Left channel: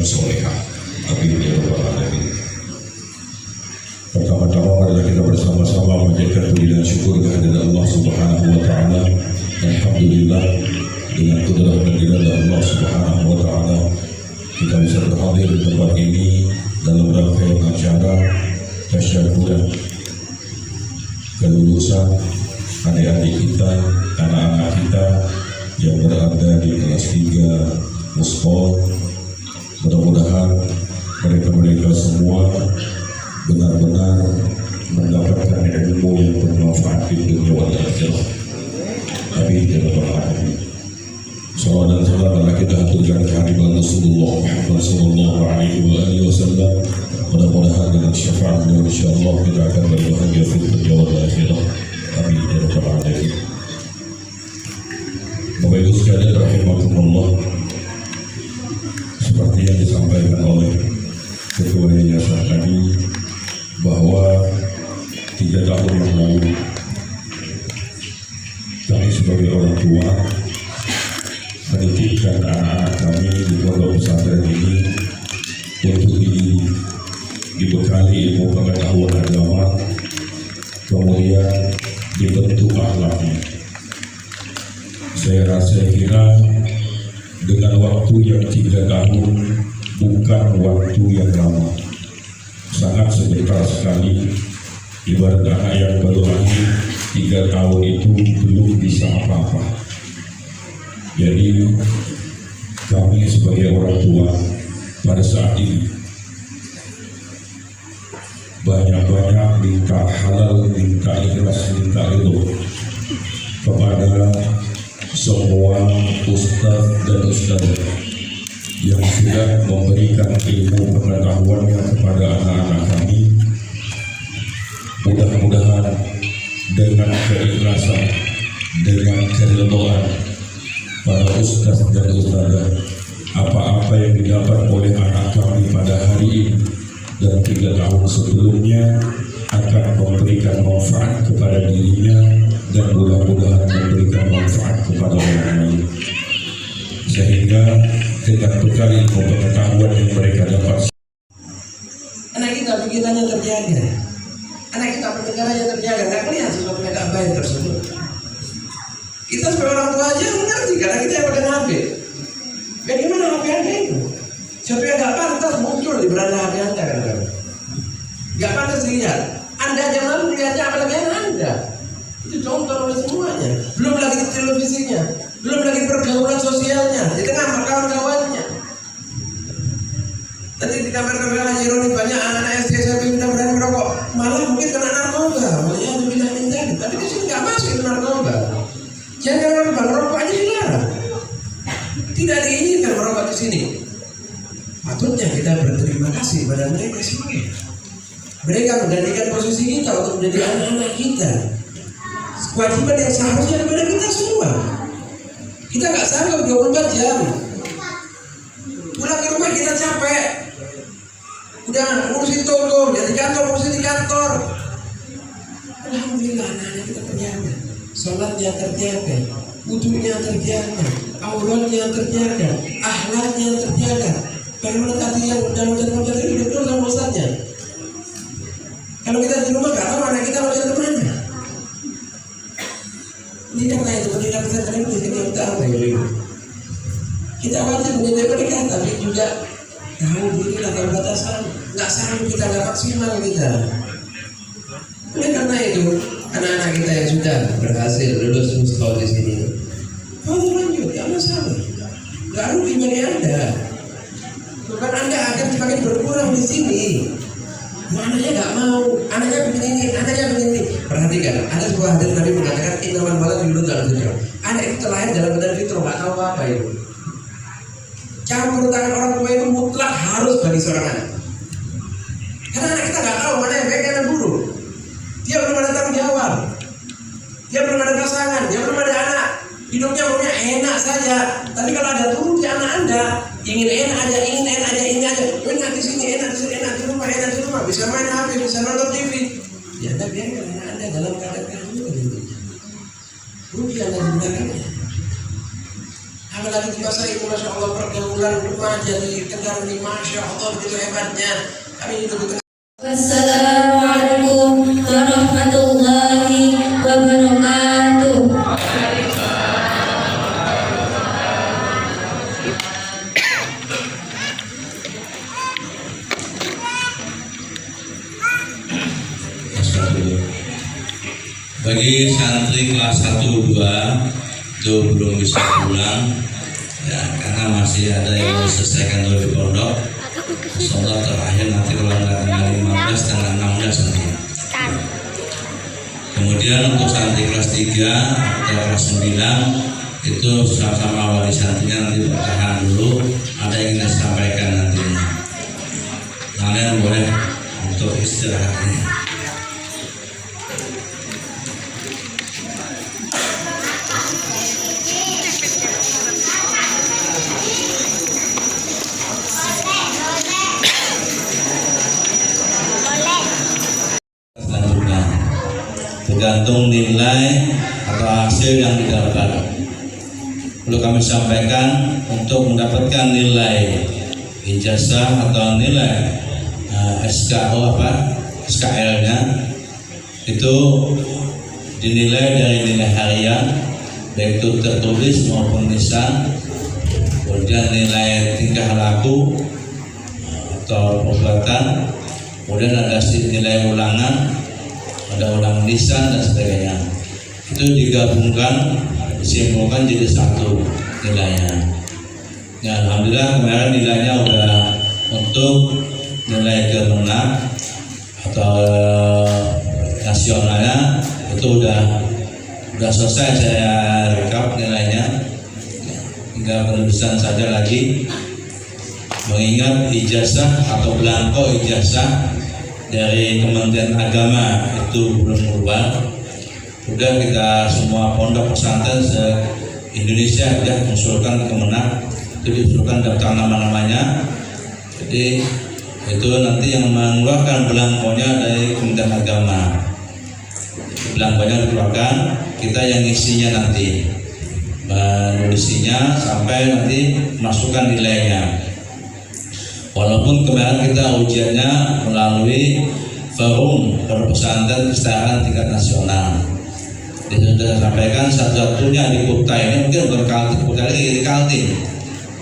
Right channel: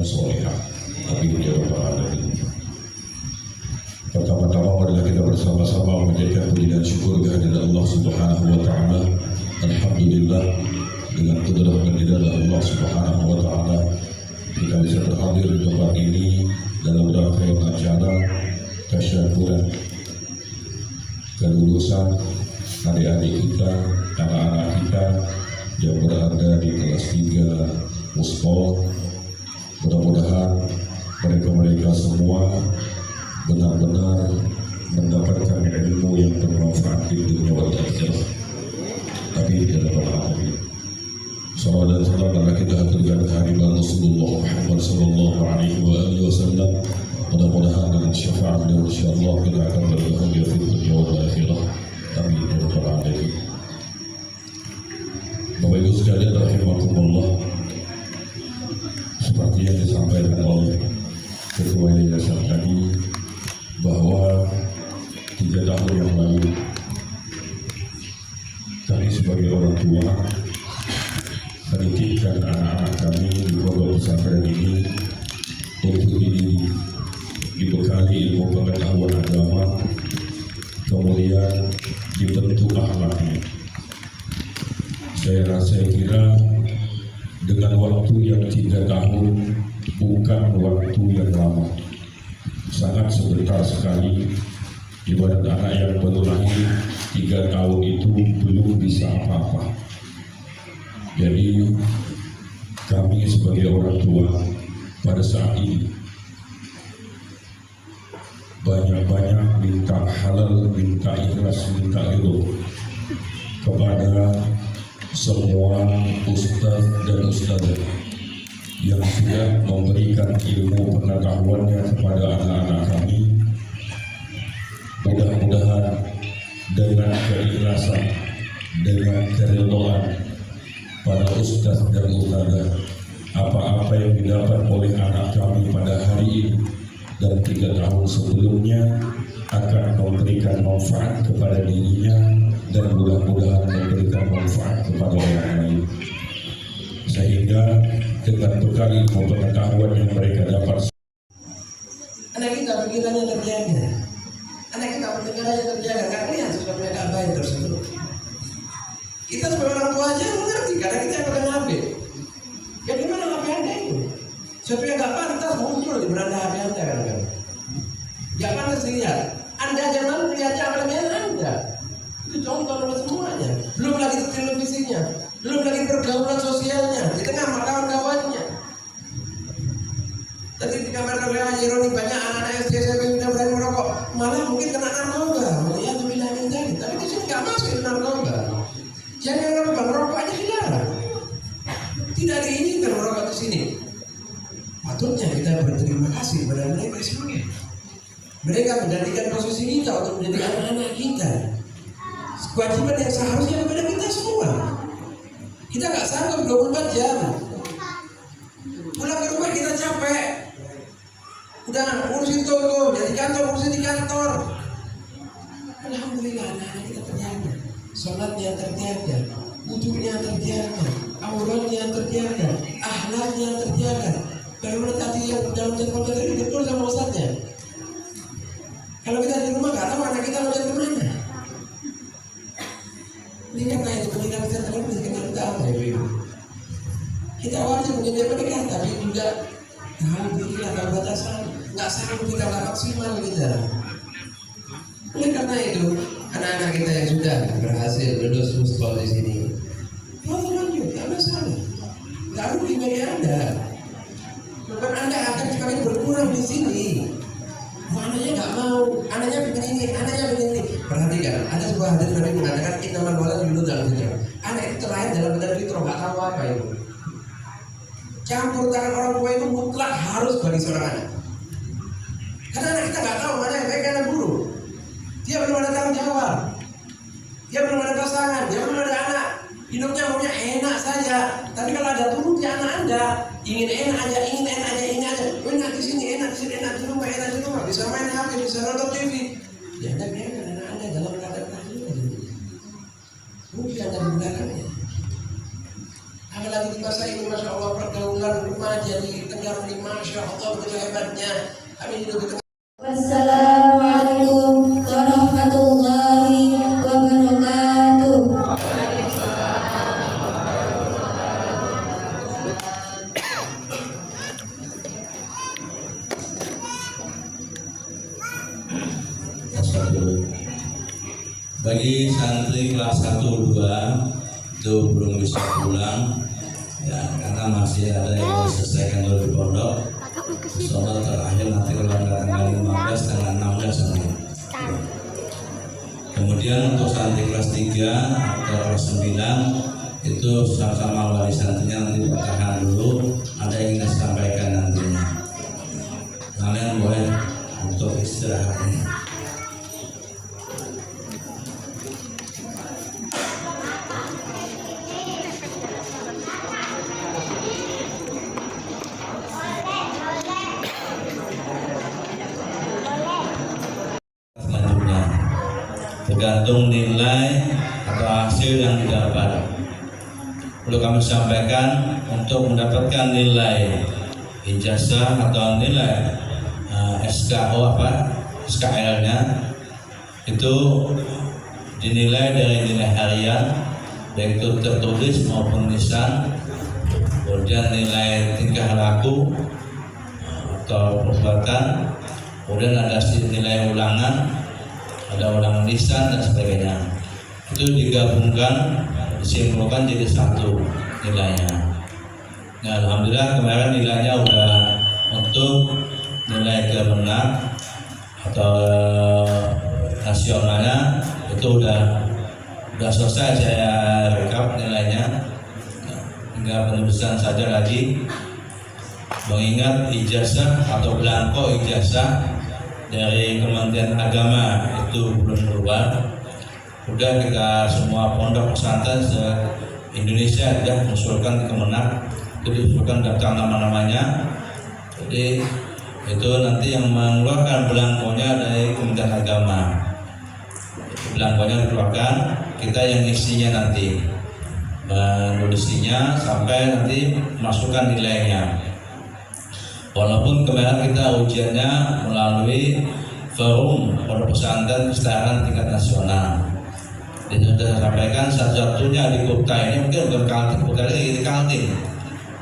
dan solehah. Amin ya rabbal alamin. Pertama-tama marilah kita bersama-sama menjadikan puji dan syukur kehadirat Allah Subhanahu wa taala. Alhamdulillah, dengan kudrah dan irada Allah Subhanahu wa taala kita bisa berhadir di tempat ini dalam rangkaian acara tasyakuran kelulusan adik-adik kita, anak-anak kita yang berada di kelas 3 Muspol. Mudah-mudahan mereka semua benar-benar mendapatkan ilmu yang bermanfaat di dunia wal akhirah. Amin ya rabbal alamin. Salawat dan salam telah kita haturkan kehadiran Rasulullah Muhammad sallallahu alaihi wasallam. Mudah-mudahan dengan syafaat beliau insyaallah kita akan berbahagia di dunia wal akhirah. Amin ya rabbal alamin. Bapak Ibu sekalian rahimakumullah, seperti yang disampaikan oleh Ketua Yayasan tadi bahwa 3 tahun yang lalu kami sebagai orang tua menitipkan anak-anak kami di pondok pesantren ini untuk dibekali ilmu pengetahuan agama, kemudian dibentuk akhlaknya. Saya kira dengan waktu yang 3 tahun bukan waktu yang lama, sangat sebentar sekali. Ibarat anak yang baru lahir 3 tahun itu belum bisa apa-apa. Jadi kami sebagai orang tua pada saat ini banyak-banyak minta halal, minta ikhlas, minta ridho kepada semua ustaz dan ustazah yang sudah memberikan ilmu pengetahuannya kepada anak-anak kami. Mudah-mudahan dengan keikhlasan, dengan keridhaan para ustaz dan ustazah, apa-apa yang didapat oleh anak kami pada hari ini dan 3 tahun sebelumnya akan memberikan manfaat kepada dirinya dan mudah-mudahan memberikan manfaat kepada orang lain, sehingga dengan bekal ilmu pengetahuan yang mereka dapat, anak kita pikirannya terjaga, anak kita pendengarannya terjaga, nggak kelihatan sesuatu yang nggak baik tersebut. Kita sebagai orang tua aja mengerti karena kita yang pakai HP. Ya gimana HP Anda itu? Sesuatu yang nggak pantas muncul di beranda HP Anda kadang-kadang. Nggak pantas dilihat. Anda jangan melihatnya apalagi Anda. Itu contoh oleh semuanya. Belum lagi di televisinya, belum lagi pergaulan sosialnya, di tengah kawan-kawannya. Tadi di kamar-kamar Haji Roni banyak anak-anak SD SMP sudah berani merokok, malah mungkin kena narkoba. Ya lebih lanjut, tapi di sini nggak masuk itu narkoba. Jangan merokok aja dilarang. Tidak diinginkan merokok di sini. Patutnya kita berterima kasih pada mereka semua. Mereka menjadikan posisi kita untuk menjadi anak-anak kita. Kewajiban yang seharusnya kepada kita semua. Kita nggak sanggup 24 jam. Pulang ke rumah kita capek. Udah ngurusin toko, dari kantor ngurusin di kantor. Alhamdulillah anak-anak kita terjaga. Sholatnya terjaga, wudunya terjaga, auratnya terjaga, akhlaknya terjaga. Bagaimana tadi yang jalan-jalan ini betul sama ustaznya. Kalau kita di rumah nggak tahu anak kita mau jalan kemana. Ini karena itu pendidikan pesantren ini kita tahu kita wajib menjadi mereka, tapi juga tahu diri atau batasan. Nggak sanggup kita, nggak maksimal kita. Oleh karena itu anak-anak kita yang sudah berhasil lulus Muspol di sini, kalau lanjut nggak masalah, nggak rugi bagi Anda. Bukan Anda akan semakin berkurang di sini. Anaknya nggak mau, anaknya begini ini, anaknya begini. Perhatikan, ada sebuah hadis Nabi mengatakan innamal walad yuladu ala fitrah. Anak itu terlahir dalam badan fitrah, nggak tahu apa itu. Campur tangan orang tua itu mutlak harus bagi seorang anak. Karena anak kita nggak tahu mana yang baik dan buruk. Dia belum ada tanggung jawab, dia belum ada pasangan, dia belum ada anak. Hidupnya maunya enak saja. Tapi kalau ada turun di anak Anda, ingin enak aja, ingin enak aja, ini aja. Enak di sini, enak di sini, enak di rumah, enak di rumah. Bisa main HP, bisa nonton TV. Ya Anda biarkan anak Anda dalam keadaan itu. Rugi Anda di belakangnya. apalagi di masa ini Masya Allah pergaulan remaja di Tegar ini Masya Allah begitu hebatnya. Kami hidup di Wassalamualaikum warahmatullahi wabarakatuh. Bagi santri kelas 1, 2 itu belum bisa pulang ya, karena masih ada yang harus selesaikan dulu di pondok. Insyaallah terakhir nanti kalau nggak tanggal 15 tanggal 16 nanti. Kemudian untuk santri kelas 3 atau kelas 9 itu sama-sama wali santrinya nanti bertahan dulu, ada yang ingin disampaikan nantinya. Kalian boleh untuk istirahatnya. Tergantung nilai atau hasil yang didapat. Perlu kami sampaikan, untuk mendapatkan nilai ijazah atau nilai SKL-nya itu dinilai dari nilai harian, baik itu tertulis maupun lisan, kemudian nilai tingkah laku atau perbuatan, kemudian ada nilai ulangan, ada ulangan lisan dan sebagainya. Itu digabungkan, disimpulkan jadi satu nilainya. Ya, alhamdulillah kemarin nilainya udah untuk nilai kemenang atau nasionalnya itu udah selesai saya rekap nilainya. Tinggal penulisan saja lagi. Mengingat ijazah atau belangko ijazah dari Kementerian Agama itu belum berubah. Udah kita semua pondok pesantren se-Indonesia sudah mengusulkan Kemenak, itu diusulkan daftar nama-namanya. Jadi itu nanti yang mengeluarkan belangkonya dari Kementerian Agama. Belangkonya dikeluarkan, kita yang isinya nanti menulisnya sampai nanti masukkan nilainya. Walaupun kemarin kita ujiannya melalui forum pondok pesantren kesetaraan tingkat nasional. Jadi sudah sampaikan satu-satunya di Kuta ini mungkin bukan Kaltim, bukan lagi di Kaltim.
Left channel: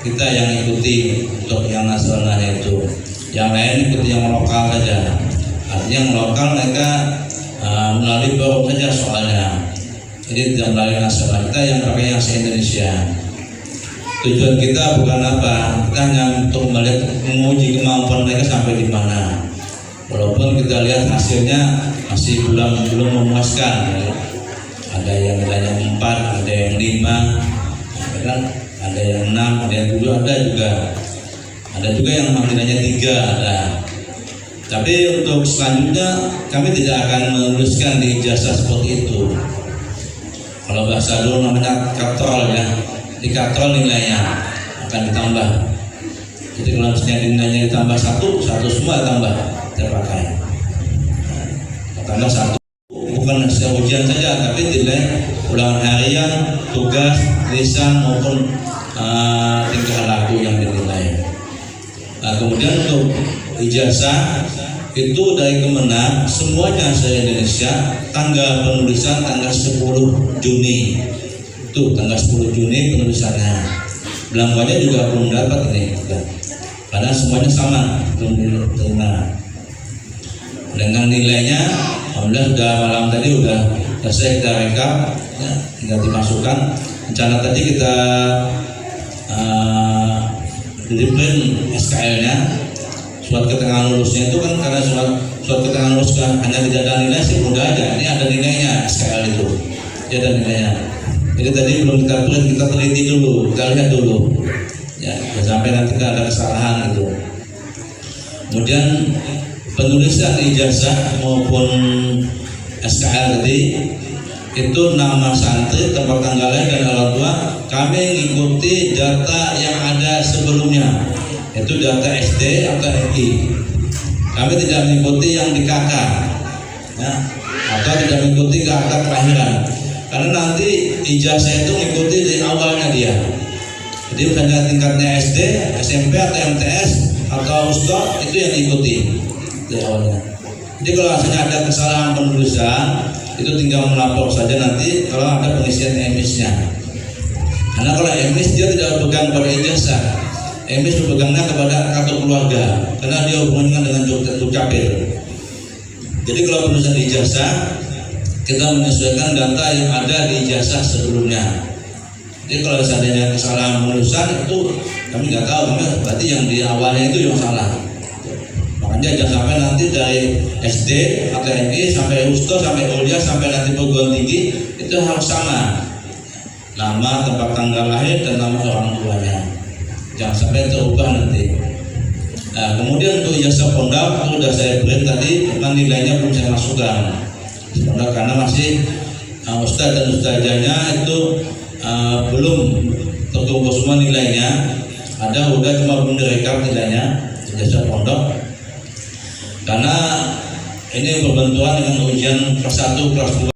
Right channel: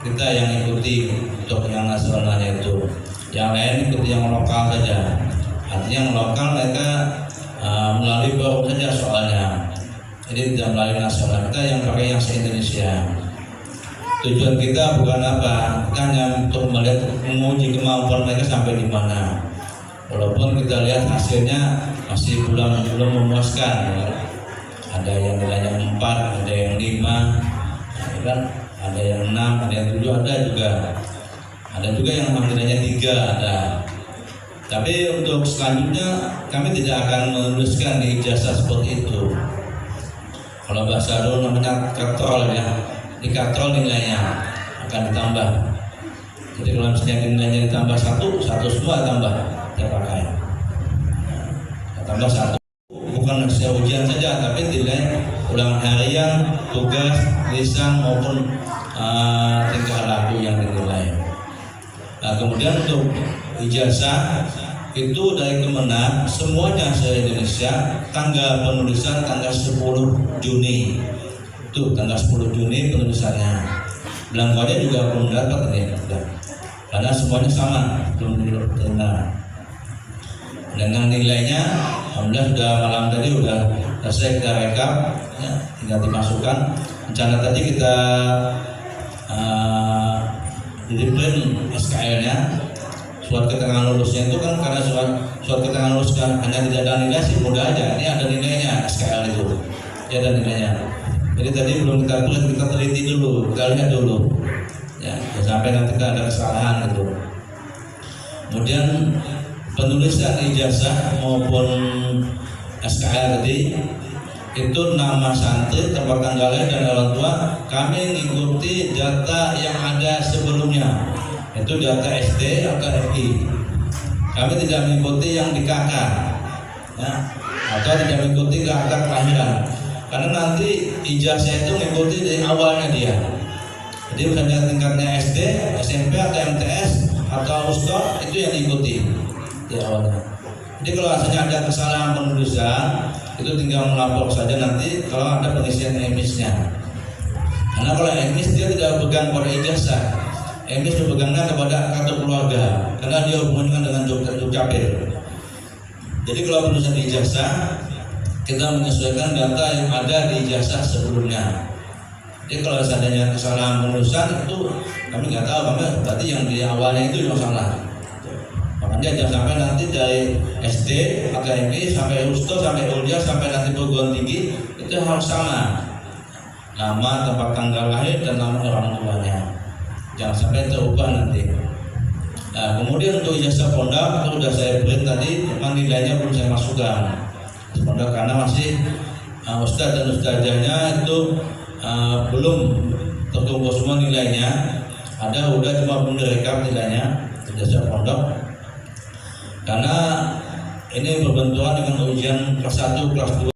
Kita yang ikuti untuk yang nasional itu, yang lain ikuti yang lokal saja. Artinya yang lokal mereka melalui forum saja soalnya. Jadi tidak melalui nasional, kita yang pakai yang se-Indonesia. Tujuan kita bukan apa, kita hanya untuk melihat, menguji kemampuan mereka sampai di mana. Walaupun kita lihat hasilnya masih belum memuaskan, ya. Ada yang nilainya 4, ada yang 5, ada yang 6, ada yang 7, ada juga yang nilainya 3 ada. Tapi untuk selanjutnya kami tidak akan menuliskan di ijazah seperti itu. Kalau bahasa dulu namanya katrol ya. Di katrol nilainya akan ditambah. Jadi kalau misalnya nilainya ditambah 1 semua tambah terpakai. Tambah 1, bukan hasil ujian saja, tapi nilai ulangan harian, tugas, lisan maupun tingkah laku yang dinilai. Nah, kemudian untuk ijazah itu dari Kemenak semuanya se-Indonesia, tanggal penulisan tanggal 10 Juni. Itu tanggal 10 Juni penulisannya. Belangkonya juga belum dapat nih, karena semuanya sama, belum diterima. Dengan nilainya, alhamdulillah sudah malam tadi sudah selesai kita rekap, ya, tinggal dimasukkan. Rencana tadi kita print SKL-nya, surat keterangan lulusnya itu kan karena surat keterangan lulus kan hanya tidak ada nilai sih mudah aja. Ini ada nilainya SKL itu, dia ada nilainya. Jadi tadi belum kita print, kita teliti dulu, kita lihat dulu, ya, sampai nanti ada kesalahan itu. Kemudian penulisan ijazah maupun SKL tadi itu nama santri, tempat tanggalnya dan orang tua kami mengikuti data yang ada sebelumnya, itu data SD atau FI. Kami tidak mengikuti yang di KK, ya, atau tidak mengikuti KK kelahiran. Karena nanti ijazah itu mengikuti dari awalnya dia. Jadi misalnya tingkatnya SD, SMP atau MTS atau USTO itu yang diikuti di awalnya. Jadi kalau hasilnya ada kesalahan penulisan itu tinggal melapor saja nanti kalau ada pengisian emisnya. Karena kalau emis dia tidak berpegang pada ijazah, emis berpegangnya kepada kartu keluarga karena dia hubungan dengan Dukcapil. Jadi kalau penulisan ijazah kita menyesuaikan data yang ada di ijazah sebelumnya. Jadi kalau seandainya kesalahan penulisan itu kami nggak tahu, kami berarti yang di awalnya itu yang salah. Makanya jangan sampai nanti dari SD atau MI sampai USTO sampai kuliah sampai nanti perguruan tinggi itu harus sama. Nama, tempat tanggal lahir dan nama orang tuanya. Jangan sampai terubah nanti. Nah, kemudian untuk ijazah pondok itu sudah saya beri tadi, tentang nilainya belum saya masukkan. Pondok karena masih ustadz dan ustazahnya itu belum terkumpul semua nilainya. Ada udah cuma belum direkap nilainya ijazah pondok. Karena ini berbenturan dengan ujian kelas 1, kelas 2